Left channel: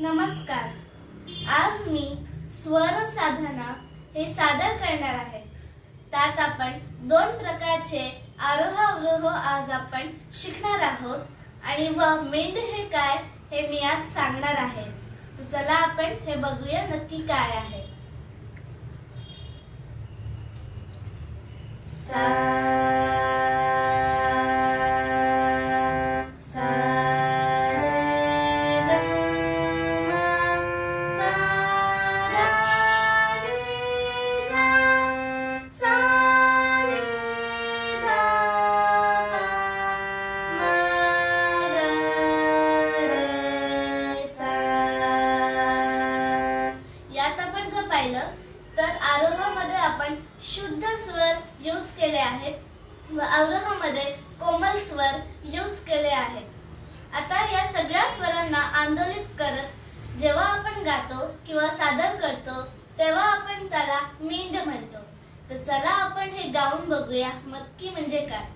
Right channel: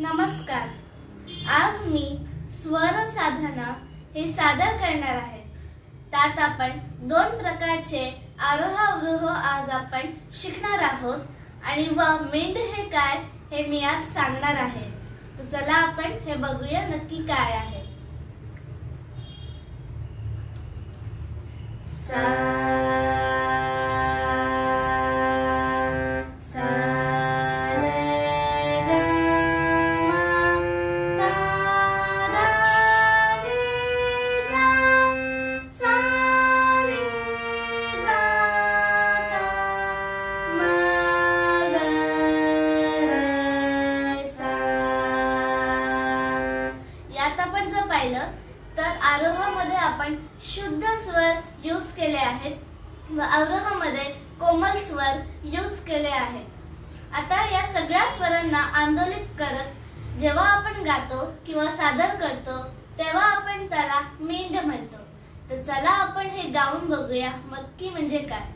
नमस्कार. आज मी स्वर साधना हे सादर करणार आहे. त्यात आपण दोन प्रकारचे आरोह अवरोह आज आपण शिकणार आहोत आणि मेंढ हे काय हे मी आज सांगणार आहे. तर चला आपण हे बघूया नक्की काय आहे. आपण जर पाहिलं तर आरोहामध्ये आपण शुद्ध स्वर यूज केले आहेत व अवरोहामध्ये कोमल स्वर यूज केले आहेत. आता या सगळ्या स्वरांना आंदोलित करत जेव्हा आपण गातो किंवा सादर करतो तेव्हा आपण त्याला मेंढ म्हणतो. तर चला आपण हे गाऊन बघूया नक्की म्हणजे काय.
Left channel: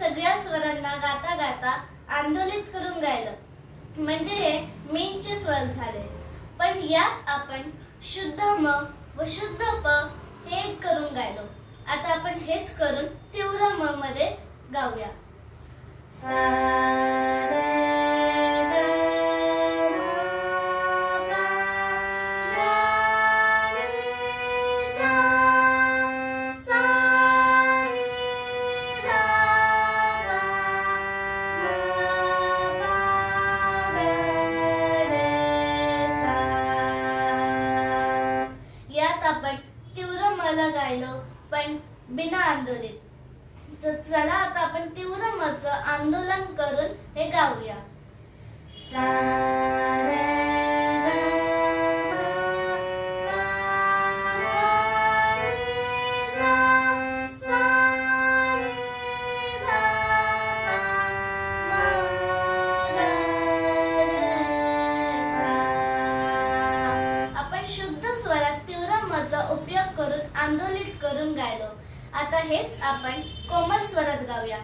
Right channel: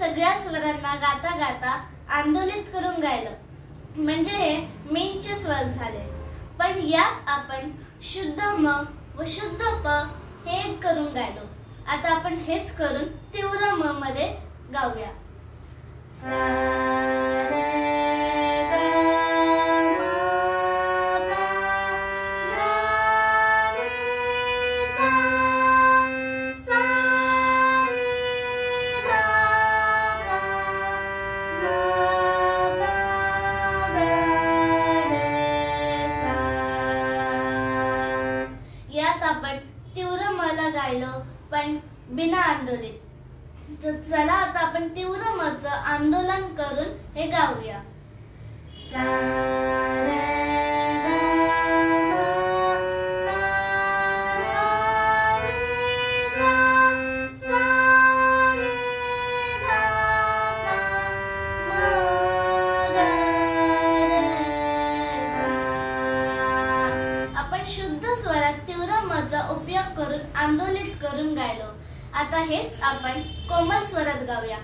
सगळ्या स्वरांना गाता गाता आंदोलित करून गायलं म्हणजे हे मेंढचे स्वर झाले. पण यात आपण शुद्ध म व शुद्ध प हे एक करून गायलो. आता आपण हेच करून तीव्र म मध्ये गाऊया. यात आपण तीव्र मला गायलो पण बिना आंदोलित. तर चला आता आपण तीव्र मचं आंदोलन करून हे गाऊया. शुद्ध स्वरात तीव्र मचा उपयोग करून आंदोलित करून गायलो. आता हेच आपण कोमल स्वरात गाऊया.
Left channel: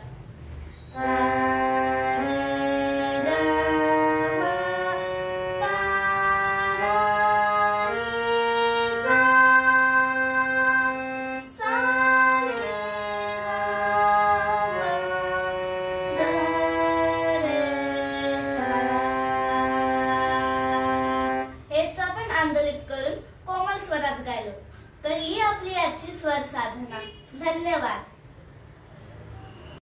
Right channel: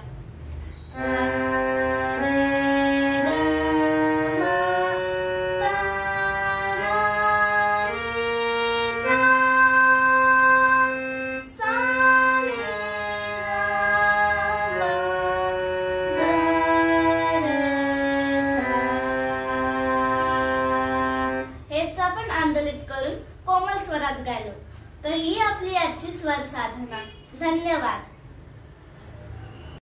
हेच आपण आंदोलित करून कोमल स्वरात गायलो. तर ही आपली आजची स्वर साधना. धन्यवाद.